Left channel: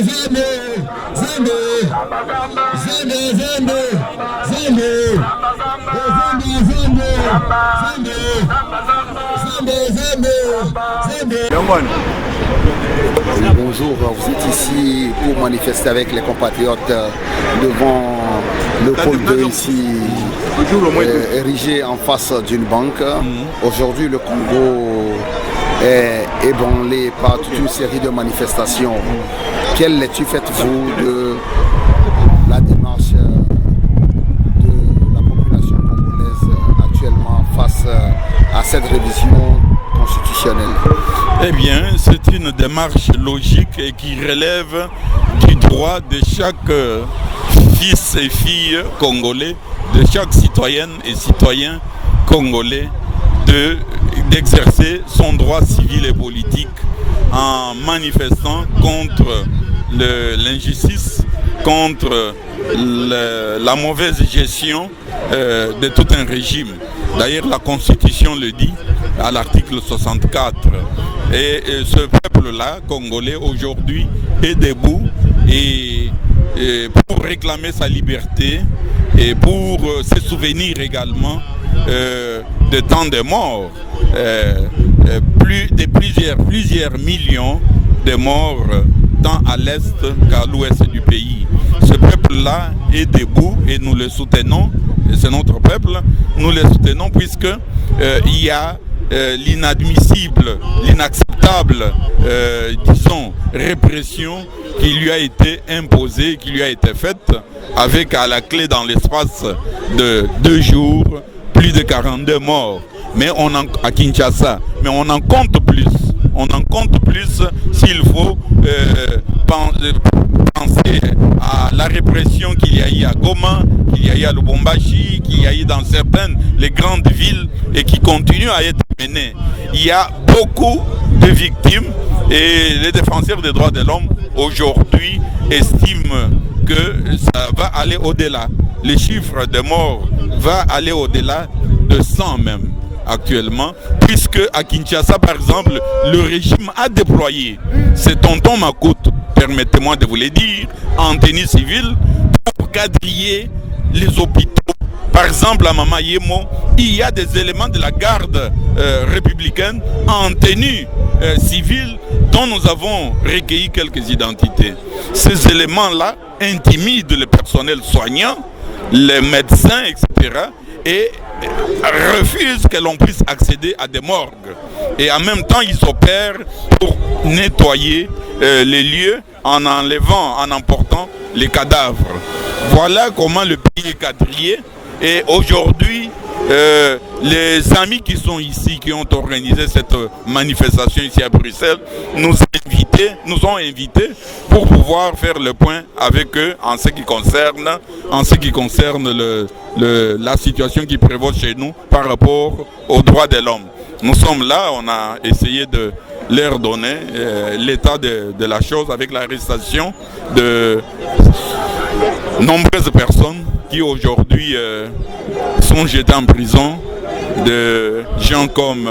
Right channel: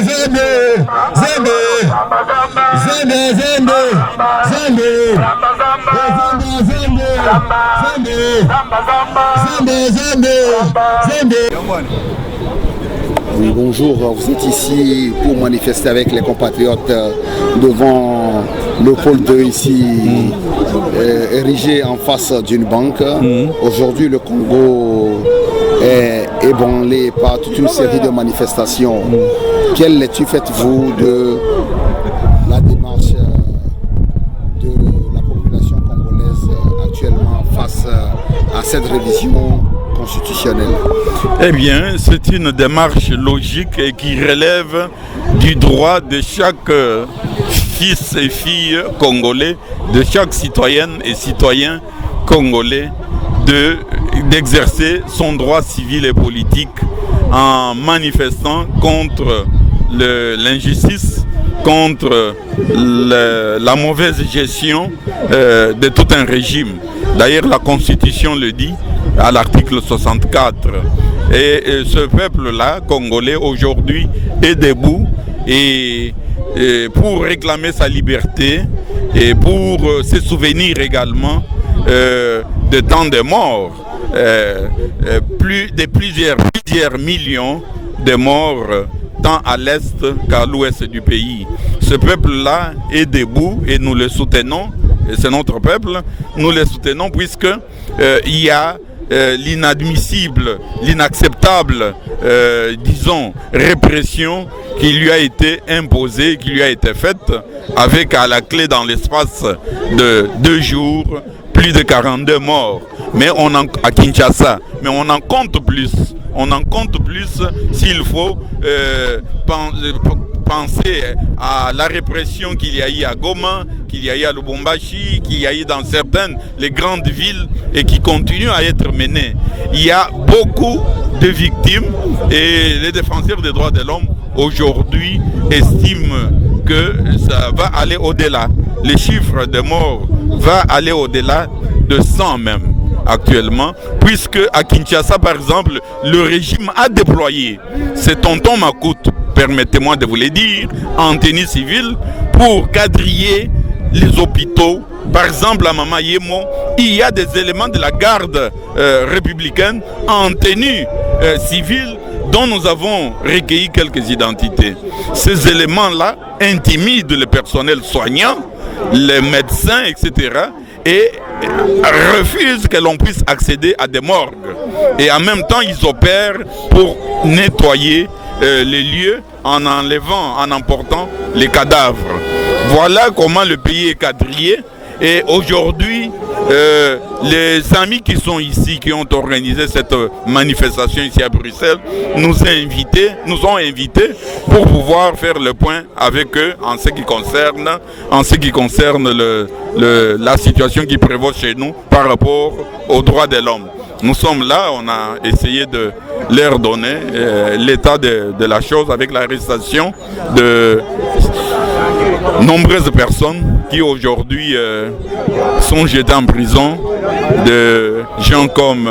Oui, bonjour, vous êtes ici pour manifester avec les compatriotes devant le pôle 2 ici, érigé en face d'une banque. Aujourd'hui, le Congo est ébranlé par toute une série de manifestations. Quelle lecture faites-vous de la démarche de la population congolaise actuellement face à cette révision constitutionnelle? Eh bien, c'est une démarche logique et qui relève du droit de chaque fils et fille congolais, de chaque citoyenne et citoyen congolais d'exercer son droit civil et politique en manifestant contre l'injustice, contre la mauvaise gestion de tout un régime. D'ailleurs, la Constitution le dit à l'article 64. Et ce peuple-là, congolais, aujourd'hui, est debout et pour réclamer sa liberté et pour se souvenir également de tant de morts, plusieurs millions de morts tant à l'est qu'à l'ouest du pays. Ce peuple-là est debout et nous le soutenons, et c'est notre peuple, nous le soutenons puisque il y a l'inadmissible, l'inacceptable, disons, répression qui lui a été imposée, qui lui a été faite, avec à la clé dans l'espace de 2 jours, plus de 42 morts. Mais à Kinshasa, mais on en compte plus. On en compte plus s'il faut penser à la répression qu'il y a eu à Goma, qu'il y a eu à Lubumbashi, qu'il y a eu dans certaines les grandes villes et qui continuent à être menées. Il y a beaucoup de victimes et les défenseurs des droits de l'homme aujourd'hui estiment que ça va aller au-delà. Les chiffres de morts vont aller au-delà de 100 même actuellement, puisque à Kinshasa par exemple, le régime a déployé ses tontons macoutes, permettez-moi de vous le dire, en tenue civile pour quadriller les hôpitaux. Par exemple, à Mama Yemo, il y a des éléments de la garde républicaine en tenue civile dont nous avons recueilli quelques identités. Ces éléments-là intimident le personnel soignant, les médecins, etc. et refusent que l'on puisse accéder à des morgues. Et en même temps, ils opèrent pour nettoyer les lieux en enlevant, en emportant les cadavres. Voilà comment le pays est quadrillé. Et aujourd'hui, les amis qui sont ici, qui ont organisé cette manifestation ici à Bruxelles, nous ont invités pour pouvoir faire le point avec eux en ce qui concerne la situation qui prévaut chez nous par rapport aux droits de l'homme. Nous sommes là, on a essayé de leur donner l'état de la chose avec l'arrestation de nombreuses personnes qui aujourd'hui sont jetées en prison, de gens comme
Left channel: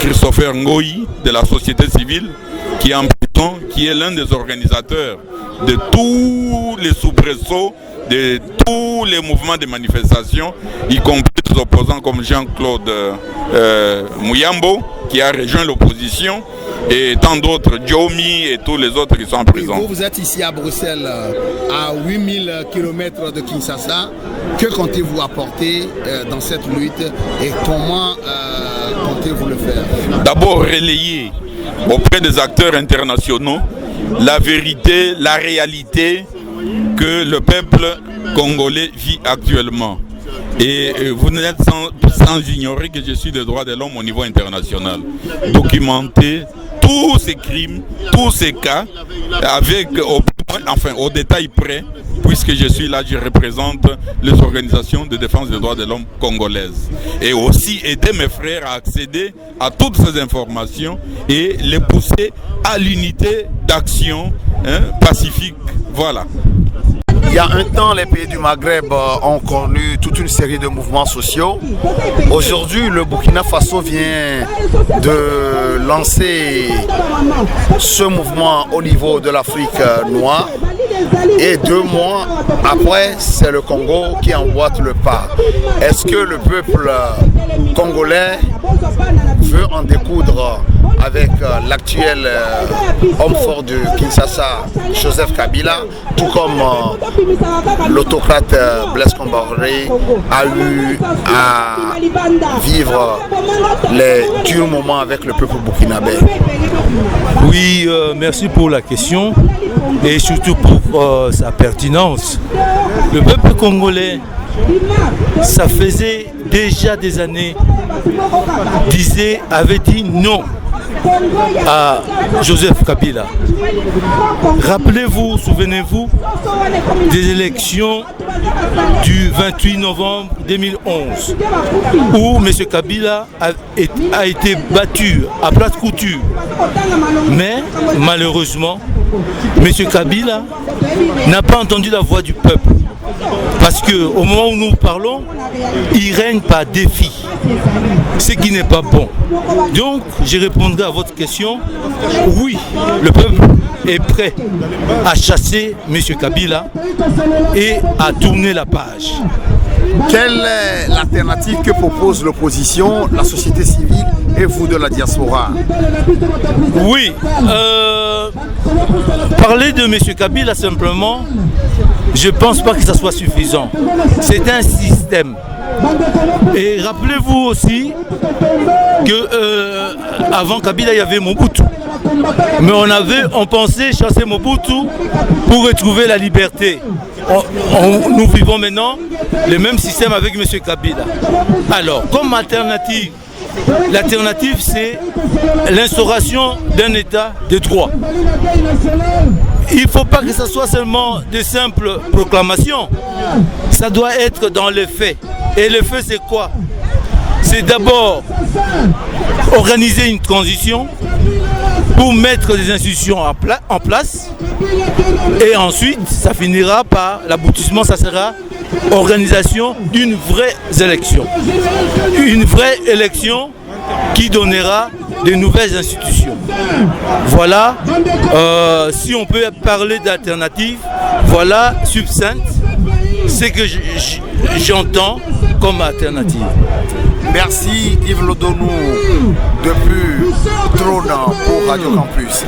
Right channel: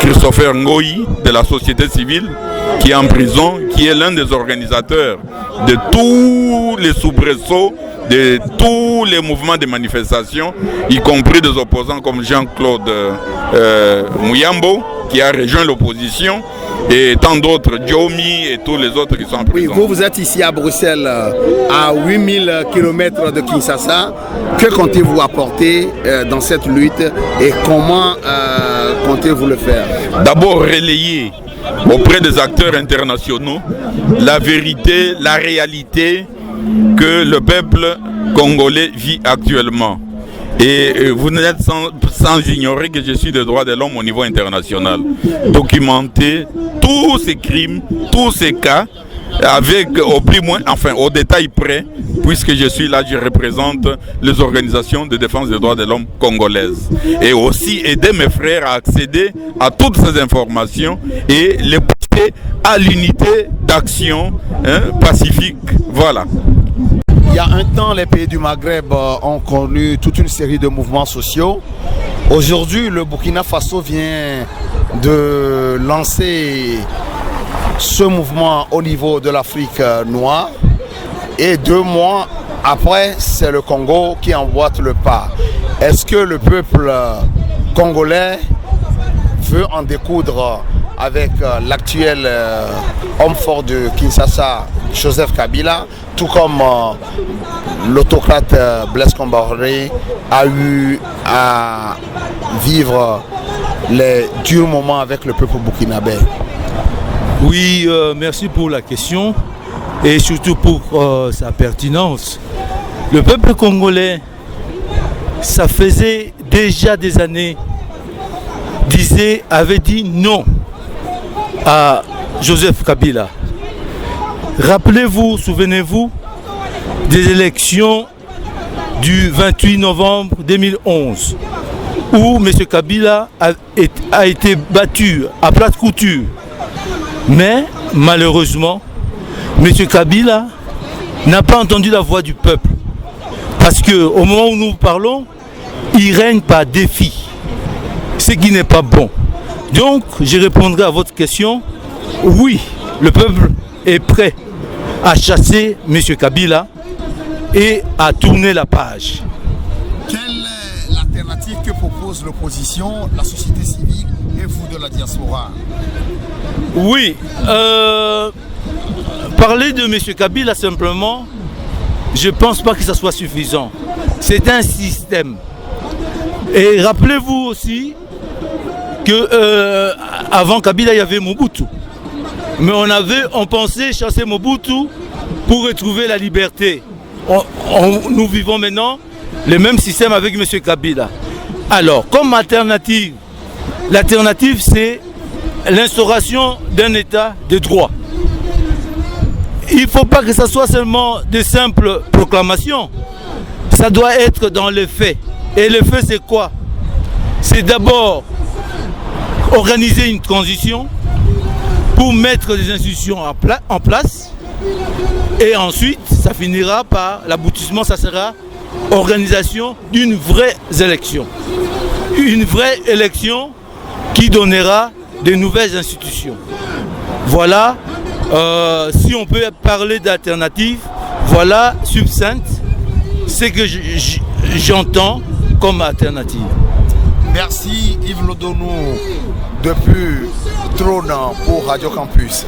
Christopher Ngoyi de la société civile qui est en prison, qui est l'un des organisateurs de tous les soubresauts, de tous les mouvements de manifestation, y compris des opposants comme Jean-Claude Muyambo qui a rejoint l'opposition, et tant d'autres, Djomi et tous les autres qui sont en prison. Oui, vous êtes ici à Bruxelles, à 8000 km de Kinshasa. Que comptez-vous apporter dans cette lutte et comment comptez-vous le faire? D'abord, relayer auprès des acteurs internationaux la vérité, la réalité que le peuple congolais vit actuellement. Et vous n'êtes sans ignorer que je suis des droits de l'homme au niveau international. Documenter tous ces crimes, tous ces cas, avec au détail près, puisque je suis là, je représente les organisations de défense des droits de l'homme congolaises. Et aussi aider mes frères à accéder à toutes ces informations et les pousser à l'unité d'action pacifique. Voilà. y a un temps, les pays du Maghreb ont connu toute une série de mouvements sociaux. Aujourd'hui, le Burkina Faso vient de lancer ce mouvement au niveau de l'Afrique noire. Et 2 mois après, c'est le Congo qui emboîte le pas. Est-ce que le peuple congolais veut en découdre avec l'actuel homme fort de Kinshasa, Joseph Kabila, tout comme l'autocrate Blaise Compaoré a eu à vivre les durs moments avec le peuple burkinabé? Oui, merci pour la question et surtout pour sa pertinence. Le peuple congolais, ça faisait déjà des années, avait dit non à Joseph Kabila. Rappelez-vous, souvenez-vous des élections du 28 novembre 2011 où M. Kabila a été battu à plate couture. Mais malheureusement, M. Kabila n'a pas entendu la voix du peuple. Parce qu'au moment où nous parlons, il règne par défi, ce qui n'est pas bon. Donc, je répondrai à votre question. Oui, le peuple est prêt à chasser M. Kabila et à tourner la page. Quelle est l'alternative que propose l'opposition, la société civile et vous de la diaspora? Oui, parler de M. Kabila simplement, je ne pense pas que ça soit suffisant. C'est un système. Et rappelez-vous aussi que avant Kabila, il y avait Mobutu. Mais on pensait chasser Mobutu pour retrouver la liberté. Nous vivons maintenant le même système avec M. Kabila. Alors, comme alternative, l'alternative c'est l'instauration d'un état de droit. Il ne faut pas que ce soit seulement de simples proclamations. Ça doit être dans les faits. Et le fait c'est quoi? C'est d'abord organiser une transition pour mettre des institutions en place. Et ensuite, ça finira par l'aboutissement, ça sera organisation d'une vraie élection. Une vraie élection qui donnera de nouvelles institutions. Voilà, si on peut parler d'alternative, voilà, succincte, ce que j'entends comme alternative. Merci Yves Lodonou depuis Trône pour Radio Campus.